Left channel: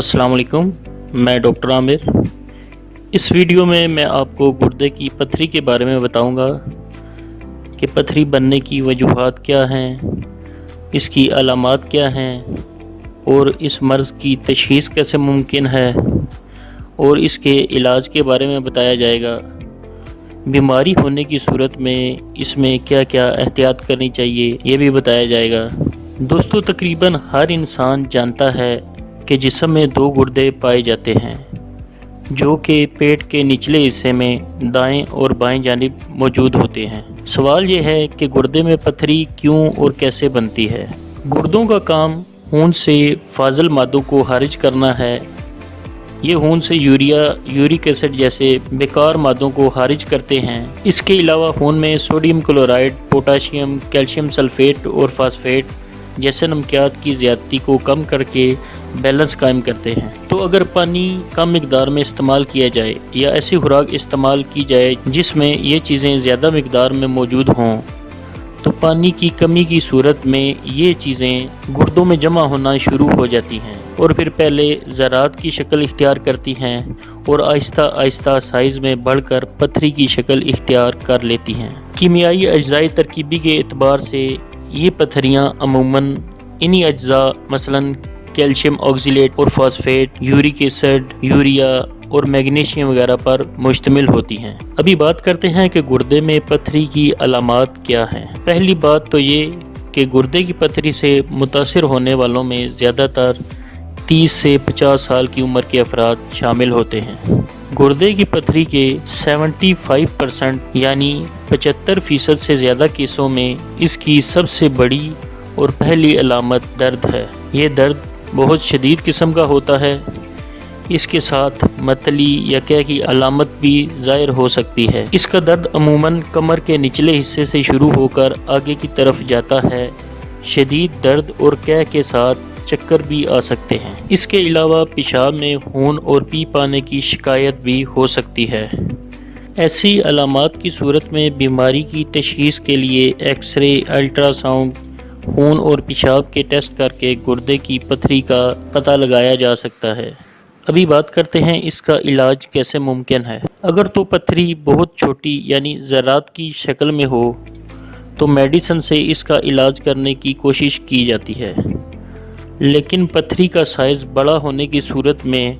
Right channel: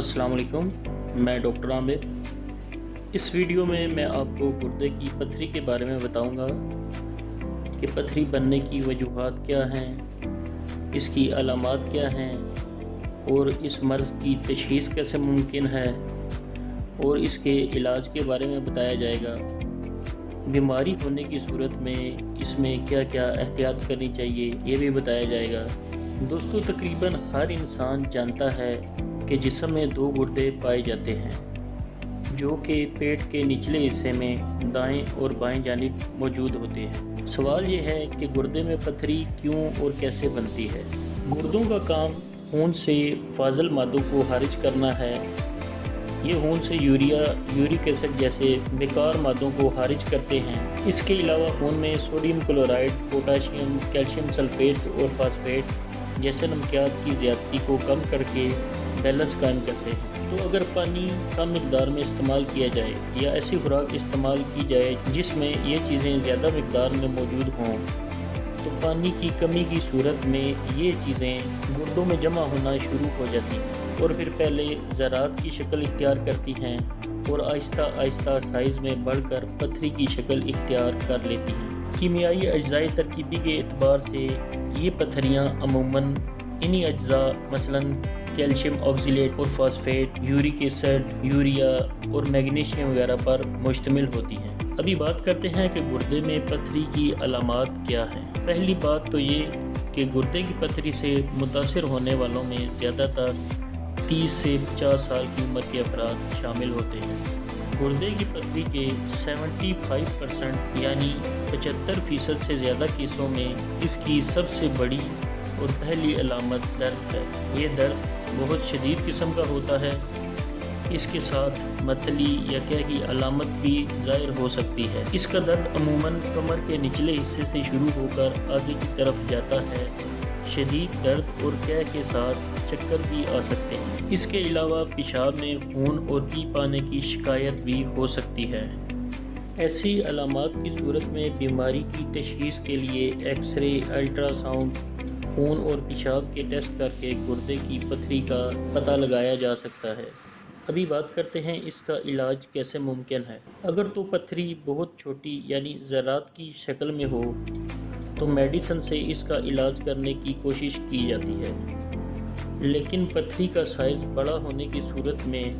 अस्सलाम वालेकुम। मैं डॉक्टर आमिर। इस वीडियो में मैं आपको गुर्दे की पथरी के बारे में बताऊंगा कि पथरी बनने की वजूहात क्या हैं, इसकी अलामात क्या हैं और इस मर्ज़ की तशख़ीस कैसे मुमकिन है और इसके इलाज के बारे में बताया जाएगा। बीमारी होने की सूरत में इसमें क्या क्या एहतियात करनी चाहिए ये भी बताया जाएगा। दोस्तों, तकरीबन हर इंसान जानता है कि जिस्म में दो गुर्दे पाए जाते हैं जो कि पेट के निचले हिस्से में दाएं और बाएं जानिब मौजूद होते हैं। सवाल ये है कि गुर्दे में पथरी क्यों और कैसे बनती है। गुर्दों का काम खून से फाजल मादों को खारिज करना है। ये खून से यूरिया, यूरिक एसिड जैसे बेकार मादों को खारिज करते हैं। इसके अलावा खून में sodium chloride, potassium, calcium sulphate और फास्फेट जैसे नमकियात की ज़्यादती को कम करके बैलेंस कायम करते हैं। तो अगर पानी कम मिकदार में इस्तेमाल किया जाए या ऐसी खुराक इस्तेमाल की जाए जिसमें ये चीज़ें ज़्यादा मिकदार में मौजूद हों, तो पानी की कमी की सूरत में ये चीज़ें गुर्दों में जमा होना शुरू हो जाती हैं और फिर पहले ज़रात की शक्ल इख्तियार करती हैं और आहिस्ता आहिस्ता साइज़ में बढ़कर पथरी की शक्ल इख्तियार कर लेती हैं। कीमियाई अज्जाई तरकीबी के एतबार से ये पथरियाँ अमूमन इन्हीं अज्जा मसलन कैल्शियम ऑक्सीलेट और फॉस्फेट, यूरिक एसिड, यूरिया और मैग्नीशियम वगैरह पर मुश्तमिल होती हैं। अभी बात करते हैं कि गुर्दे में पथरी की अलामात क्या हैं। पहली बात तो ये कि गुर्दे की पथरी से मुतासिर होने वालों में ज़्यादातर 30 से 50 साल की उम्र के अफराद शामिल होते हैं। गुर्दे की पथरी के 75% यानी 75% से ज़्यादा केसों में इसकी सबसे बड़ी और पहली अलामत दर्द है। ये दर्द बहुत शदीद किस्म का होता है। इसके साथ मतली या क्या की अलामत भी ज़ाहिर हो सकती है। इसका दर्द अमूमन कमर के निचले हिस्से से शुरू होकर आगे की तरफ जाता है। शदीद दर्द और क्या के साथ चक्कर भी आ सकते हैं। इसके अलावा पेशाब में खून और पी पाने की शिकायत भी हो सकती है। ऐसी अलामात की सूरत में बीमारी की तशख़ीस के लिए एक्सरे, अल्ट्रासाउंड, खून और पेशाब के टेस्ट करके गुर्दे की पथरी का पता लगाया जा सकता है। अभी बात करते हैं इसका इलाज कैसे मुमकिन है। अगर तो पथरी बहुत छोटी यानी ज़रात की शक्ल में हो तो मेडिसिन से इसका इलाज करने की कोशिश की जाती है, लेकिन पथरी का साइज़ बड़ा होने की सूरत में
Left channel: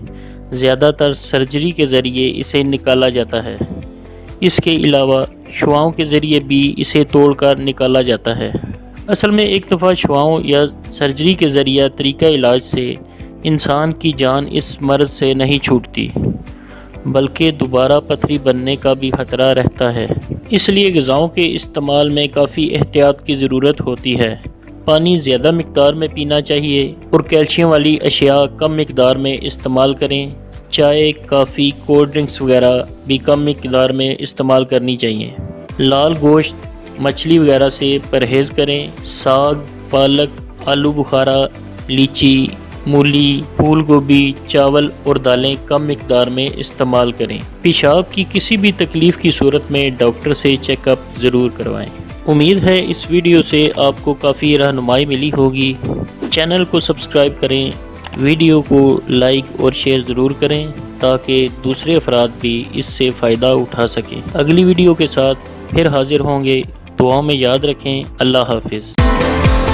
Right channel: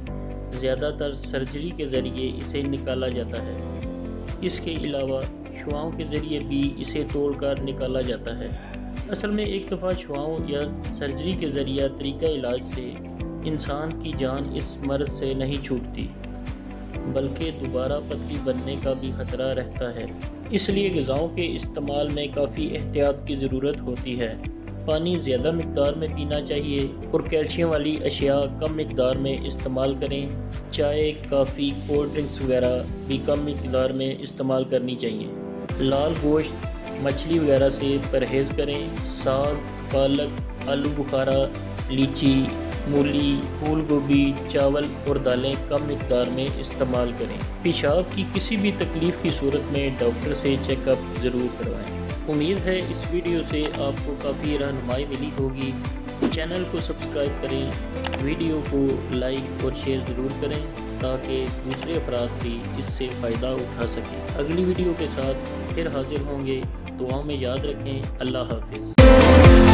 ज़्यादातर सर्जरी के ज़रिए इसे निकाला जाता है। इसके अलावा शुआओं के ज़रिए भी इसे तोड़कर निकाला जाता है। असल में एक दफ़ा शुआओं या सर्जरी के ज़रिए तरीका इलाज से इंसान की जान इस मर्ज़ से नहीं छूटती, बल्कि दोबारा पथरी बनने का भी ख़तरा रहता है। इसलिए ग़िज़ाओं के इस्तेमाल में काफ़ी एहतियात की ज़रूरत होती है। पानी ज़्यादा मिकदार में पीना चाहिए और कैल्शियम वाली अशिया कम मिकदार में इस्तेमाल करें। चाय, कॉफ़ी, कोल्ड ड्रिंक्स वगैरह भी कम मिकदार में इस्तेमाल करनी चाहिए। लाल गोश्त, मछली वगैरह से परहेज़ करें। साग, पालक, आलू बुखारा, लीची, मूली, फूल गोभी, चावल और दालें कम मिकदार में इस्तेमाल करें। पेशाब की किसी भी तकलीफ़ की सूरत में डॉक्टर से चेकअप ज़रूर करवाएं। उम्मीद है इस वीडियो से आपको काफ़ी रहनुमाई मिली होगी। चैनल को सब्सक्राइब करें, वीडियो को लाइक और शेयर ज़रूर करें ताकि दूसरे अफराद भी इससे फ़ायदा उठा सकें। अगली वीडियो के साथ फिर हाजिर होंगे। दुआओं में याद रखें। अल्लाह हाफिज़।